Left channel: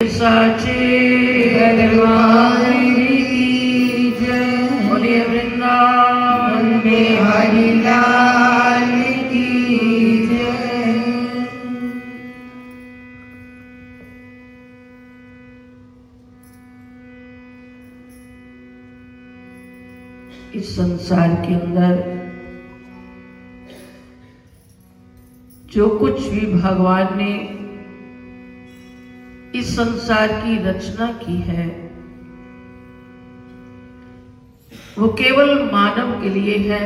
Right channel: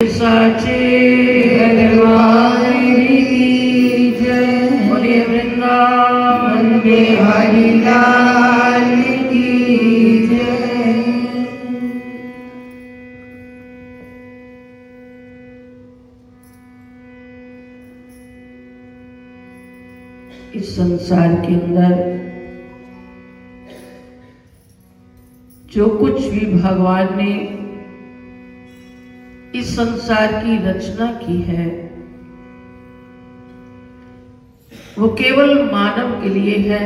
साचे दरबार की जय। बोलिए वृंदावन बिहारी लाल की जय। इस संसार के अंदर जो कुछ भी भगवान ने इस संसार की रचना की है वो केवल मानव के लिए है,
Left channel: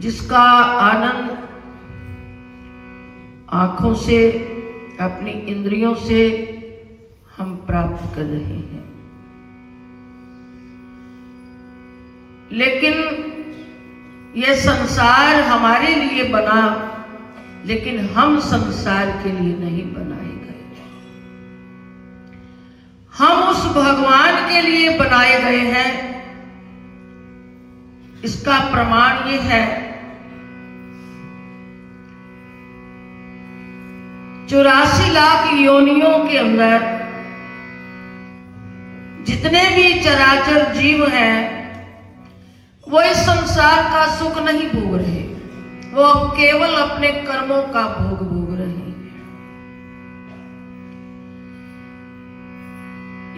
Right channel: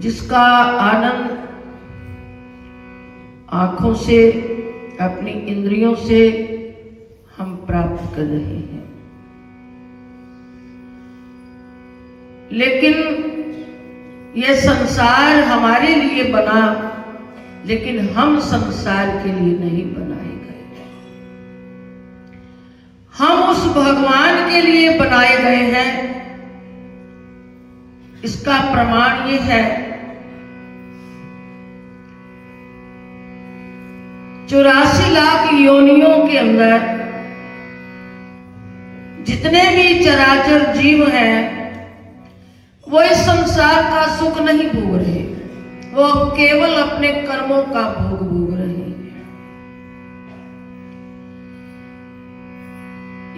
जिसका आनंद आंखों से, अपनी इंद्रियों से हम प्राप्त कर रहे हैं। लेकिन यह संसार हमारे लिए बना, लेकिन हम संसार के लिए नहीं बनाए गए। हम उस भगवान के लिए बनाए गए हैं। इसका प्रमाण ये है 84 लाख योनियों के अंदर जितने भी चराचर जीव हैं वो इस संसार का सुख नहीं भोग रहे, वो केवल अपने कर्मों का भोग रहे हैं।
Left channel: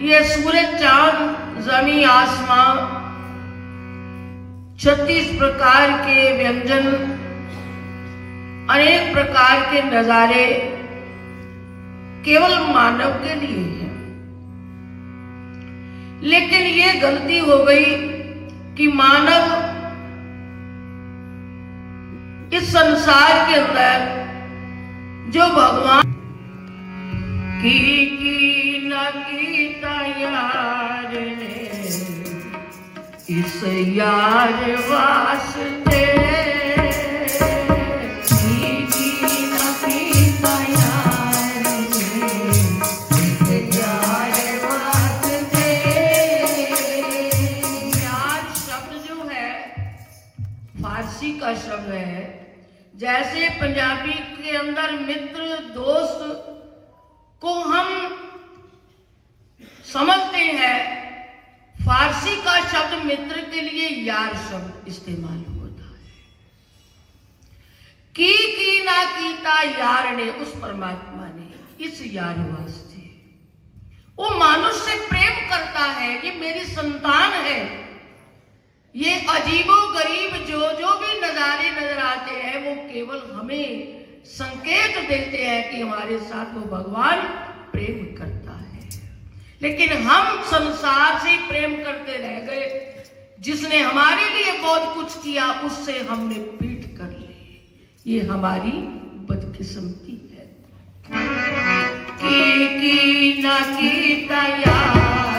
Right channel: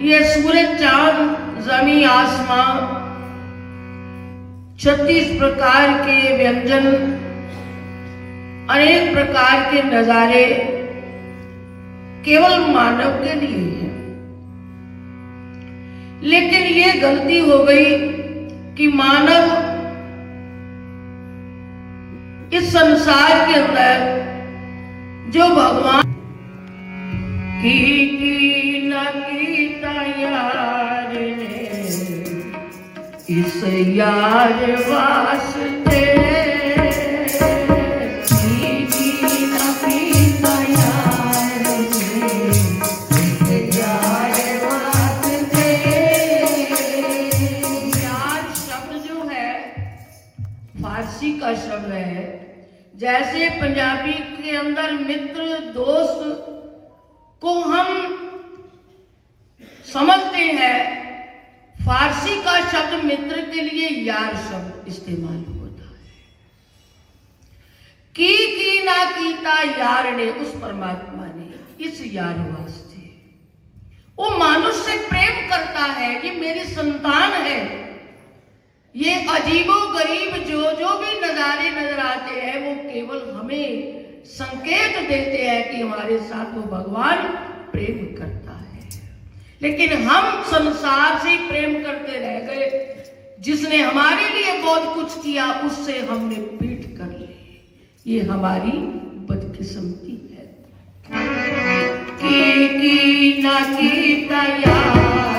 ये सूरज, चांद, जमीन, आसमां, 36 प्रकार के व्यंजन, अनेक प्रकार के नजारे केवल मानव के लिए हैं। लेकिन ये गलती हो गई कि मानव इस संसार के अंदर जो भगवान की न कीता यार ने, इस यार वास्ते की न कीता यार ने, इस यार वास्ते। यार शब्द जो है फारसी का शब्द है। जैसे पंजाबी के अंदर मित्र, दोस्त को हम समझते हैं, फारसी का शब्द मित्र के लिए यार शब्द इस्तेमाल होता है। की ना कीता यार ने, उस परमात्मा ने इस यार वास्ते वो मनुष्य से प्रेम करता है। ये मेरी संतान है। ये अजीबो गरीब जो भी नजारे नजर आते हैं वो केवल हमें संकेत देते हैं कि हमारे साथ वो भगवान प्रेम करता है। लेकिन हम संसार से प्रेम करते रह गए। जिसने हमारे लिए बहुत कुछ किया उससे हमने पीठ कर ली। ये हमारी बदकिस्मती है। की ना कीता यार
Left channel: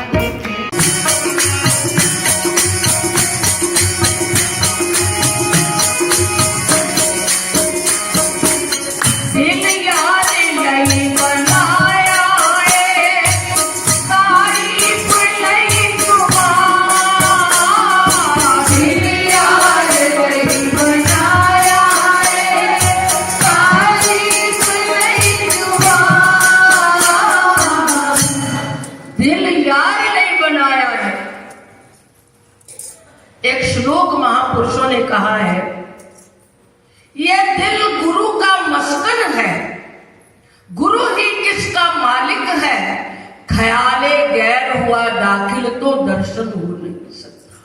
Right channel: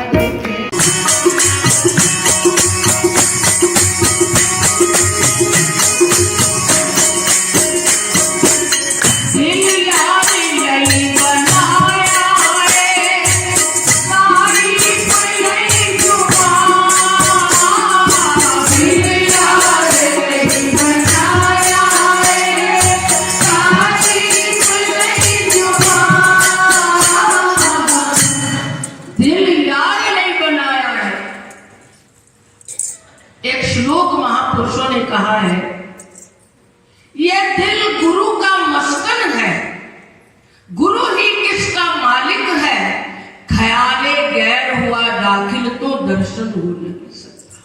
महापुरुषों ने कहा है, यह दिल गुरु का मस्कन है, गुरु ही किसका मालिक है। ख्याले गैर हुआ दाखिल तो दर्शन हो नहीं सकता।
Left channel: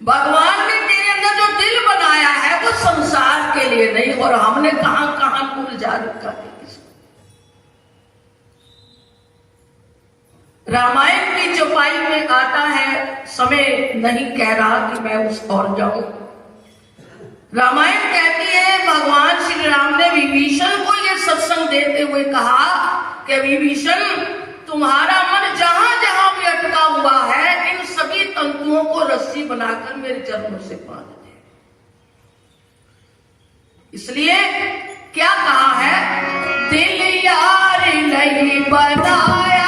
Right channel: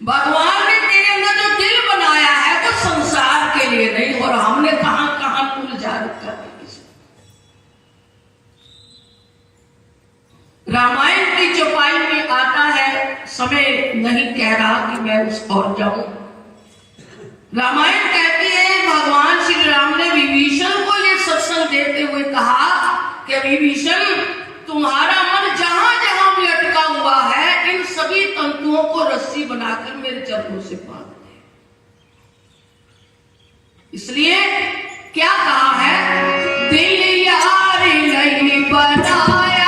भगवान ने तेरे अंदर जो दिल बनाया है वो संसार के लिए नहीं, और हमने कहां कहां उलझा रखा है। रामायण की चौपाई में आता है, समय नहीं कह रहा कि मैं उस और जाऊं। रामायण कहती है भगवान श्री राम ने विभीषण को ये सत्संग देते हुए कहा कि विभीषण, तुम्हारा मन जहां जहां भी अटका हुआ है, इन सभी तंतुओं को रस्सी बनाकर मेरे चरणों से बांध दे। इसलिए क्या कहा है, दिल यार नहीं बनाया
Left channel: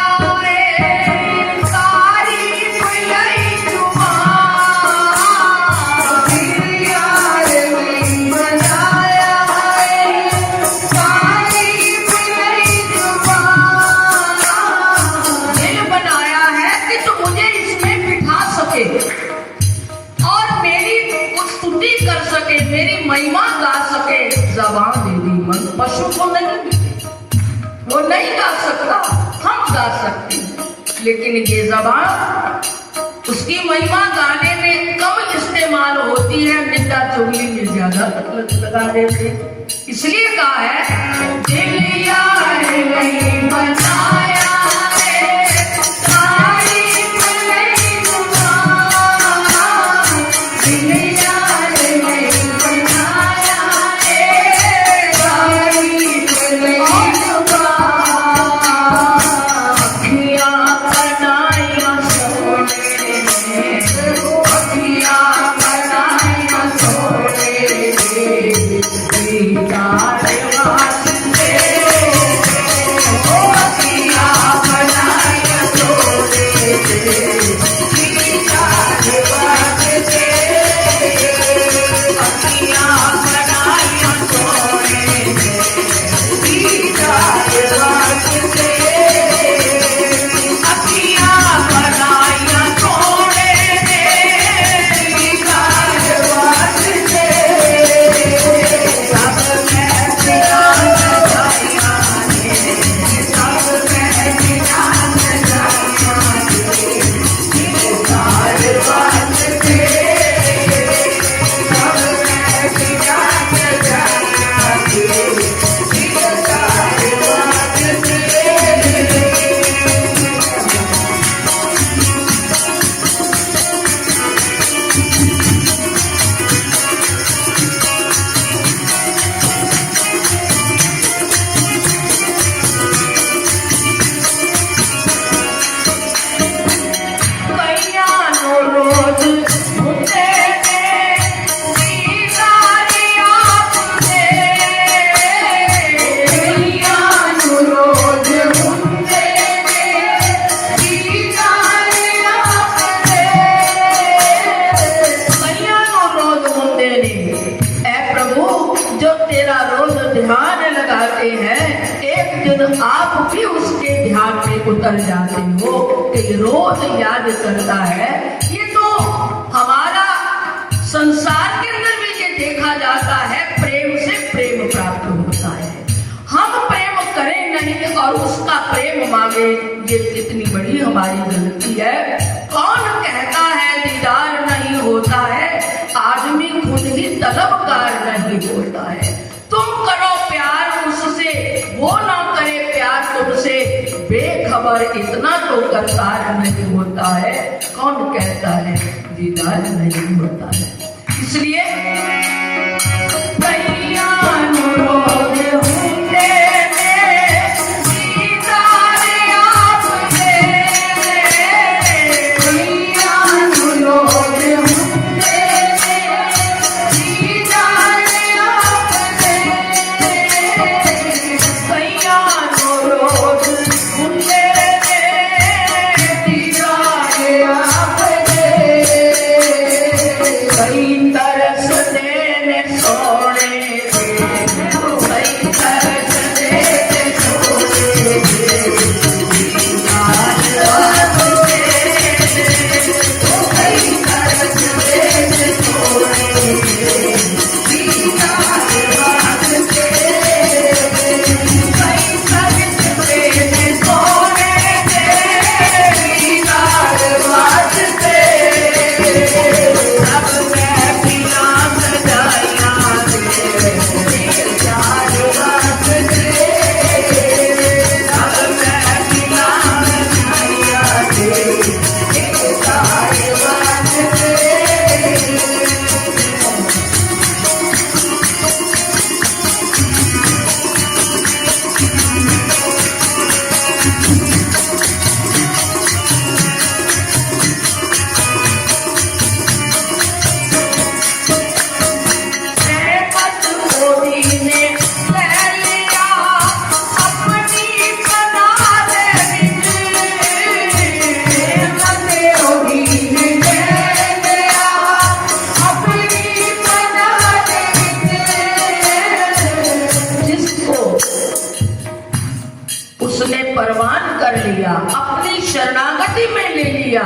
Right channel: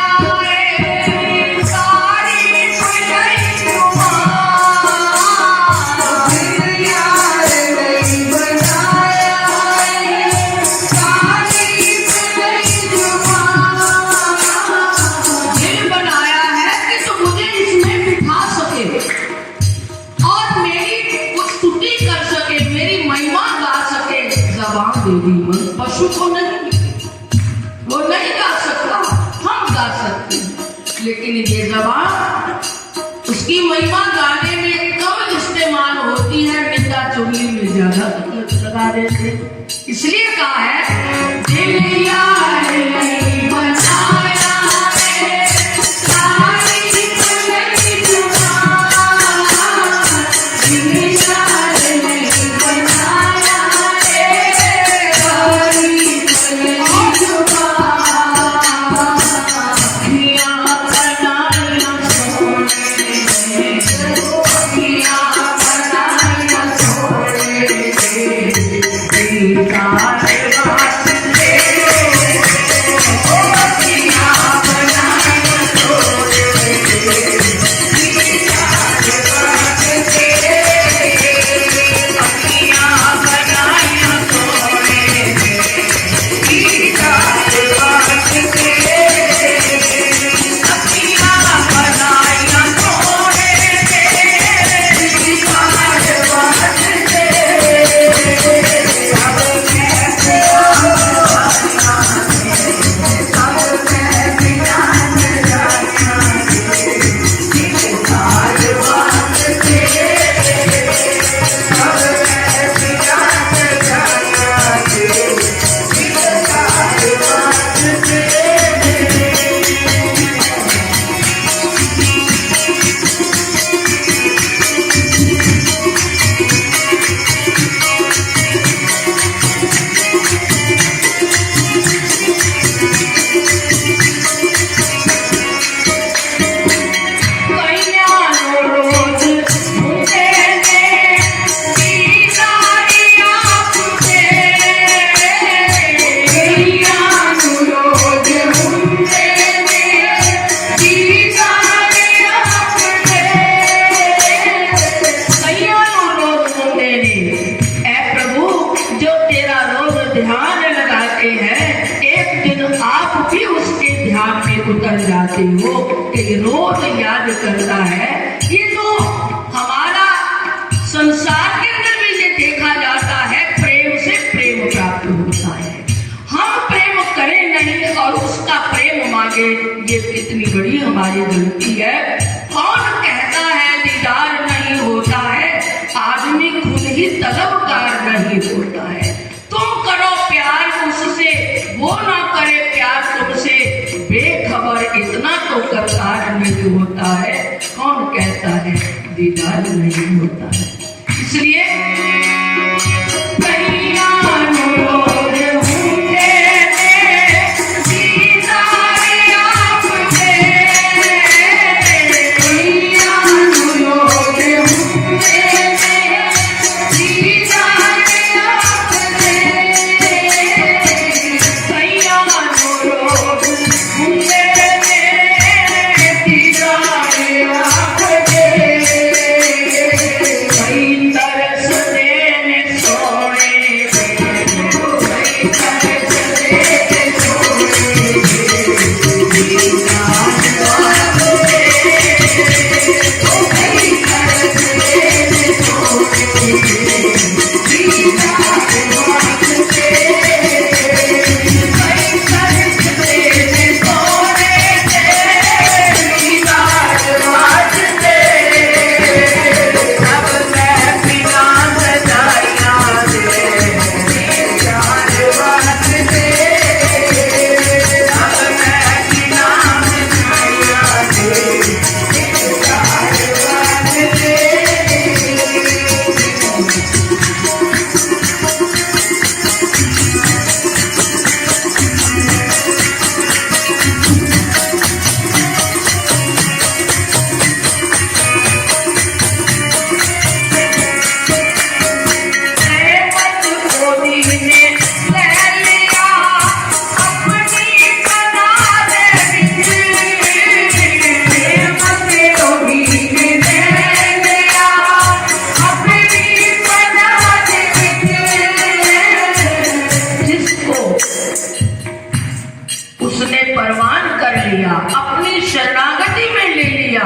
नहीं गा सकता, हम गा सकते हैं, लेकिन ये ज़बान उसकी महिमा गाने में कम इस्तेमाल होती है, निंदा चुगली में ज्यादा लगा देते। इसलिए कहा है दिल यार नहीं बनाया रे, तारीफ नहीं जुबान, दिल यार नहीं बनाया रे, तारीफ नहीं जुबान, अखियां बनाया सोने, अखियां बनाया सोने, दीदार वास्ते, ओ अखियां बनाया सोने, दीदार वास्ते, अखियां बनाया सोने, दीदार वास्ते, अखियां बनाया सोने, दीदार वास्ते, सब मैं प्यार जाना है, सब मैं प्यार जाना है, दीदार वास्ते, सब मैं प्यार जाना है, दीदार वास्ते। कईयानो रोज मुझे दे, दीदार आपसे, कईयानो रोज मुझे दे, दीदार आपसे, कईयानो रोज मुझे दे। ऐ प्रभु, जो तेरा रोज ध्यान लगाते हैं, एक दिन आप भी उसके ध्यान में उतर जाते हो कि रोज याद करता है। ये तो हमारा संसार के अंदर भी ये देखा जाता है, प्रेम से प्रेम प्राप्त होता है। हम प्रेम करें नहीं और उसका प्रेम मांगे, ये कितनी बड़ी हमारी गलती है। कौन कहता है दीदार नहीं होता है? आदमी खुद ही तलबगार नहीं होता है। तुम करो प्यार उससे, वो ना करे प्यार तुमसे, बेखबर इतना तो करतार नहीं होता है। कौन कहता है दीदार नहीं होता है? इसलिए कईयानो रोज होते ने, दीदार आपसे, कईयानो रोज होते ने, दीदार आपसे, कईयानो रोज होते ने, दीदार आपसे, कई तरसते ने सोने पे, कई तरसते ने सोने पे, दीदार वास्ते, कई तरसते ने सोने पे, दीदार वास्ते, कई तरसते ने सोने पे, दीदार वास्ते, सब मैं प्यार जाना है, दीदार वास्ते, सब मैं प्यार जाना है, दीदार वास्ते। रहमत मोदी ने ले लिया अपनी बनार विच, रहमत मोदी ने ले लिया अपनी बनार विच, जिसको उसने परवान कर लिया, अपनी शरणागति में ले लिया,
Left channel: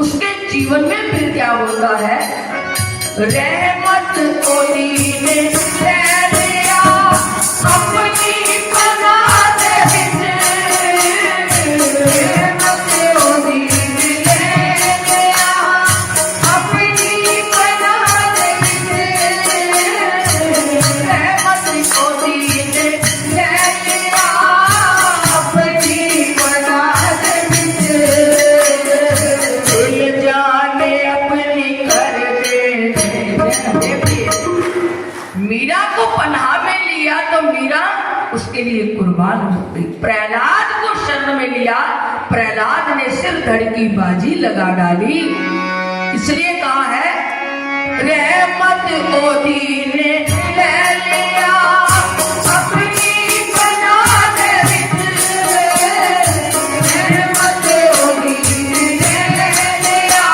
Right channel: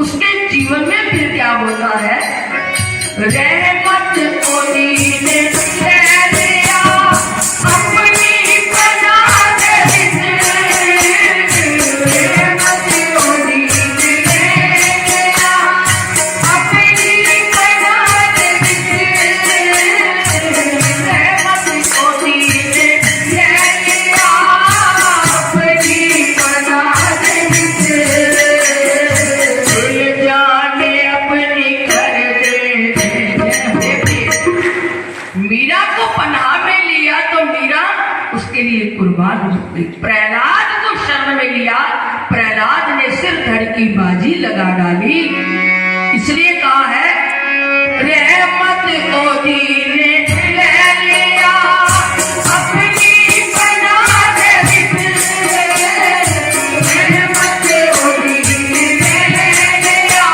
उसके जीवन में फिर क्या होता है? रहमत कोई ने ले लिया अपनी बनार विच, प्रहलाद को शरण में लिया। प्रहलाद ने सिर धड़ की बाजी लगा डाली। इसलिए कहा है रहमत ओदी ने ले लिया अपनी बना दे रहमत ओदी ने ले लिया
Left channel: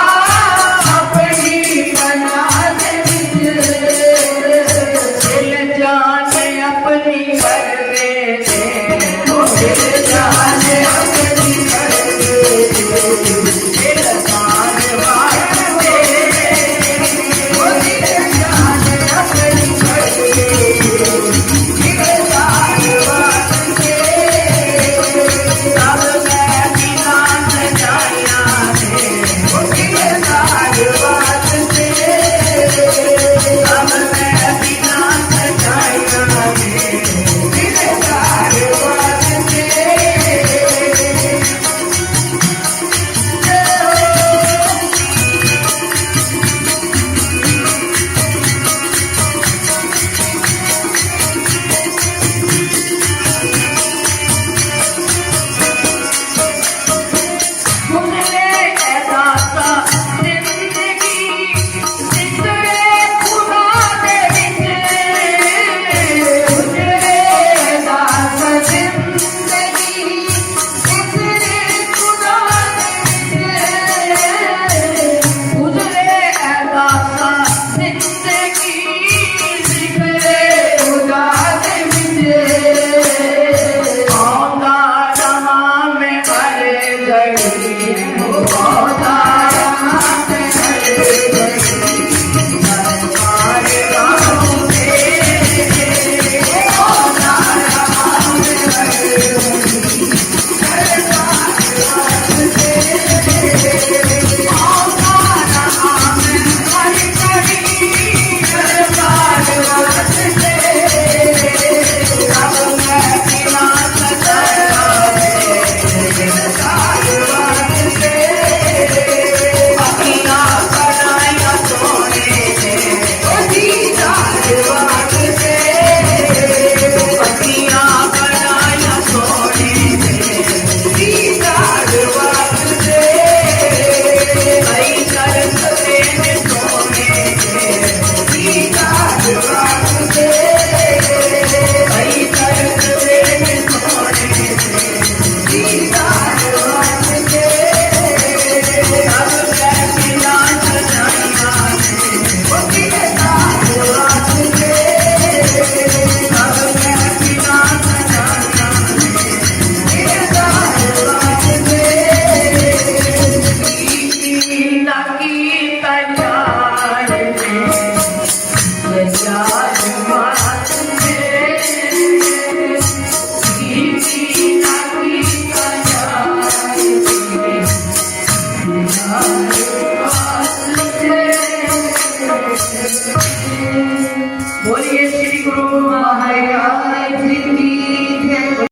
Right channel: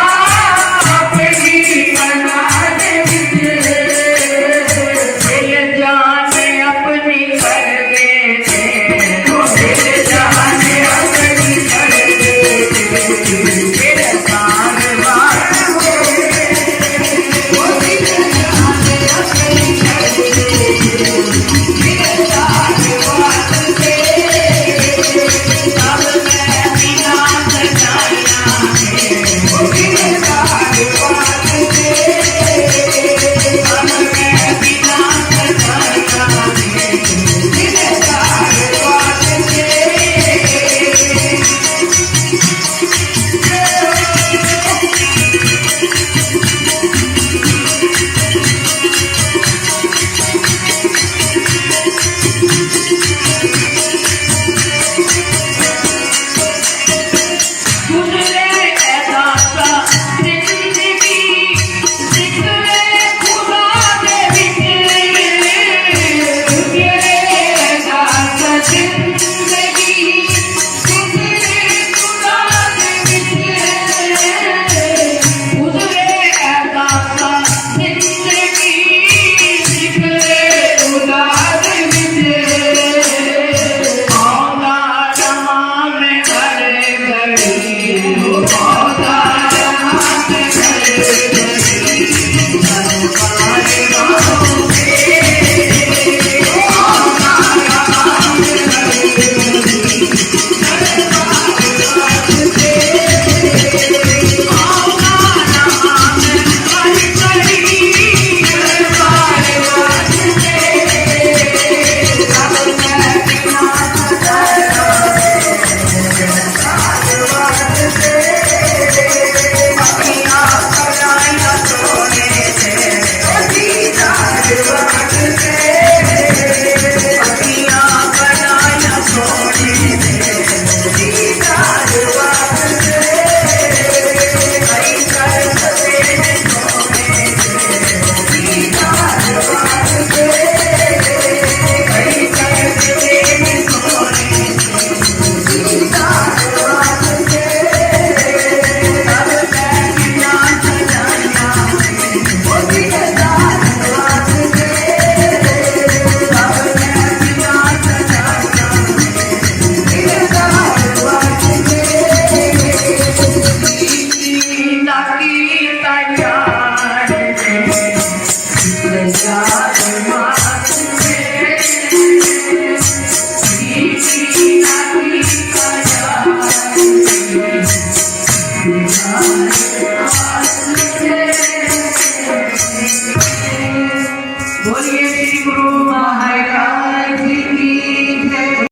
अपनी बना दे दिल जान अपनी कर दे दिल जान अपनी कर दे दिल जान बोलिए श्री गुरु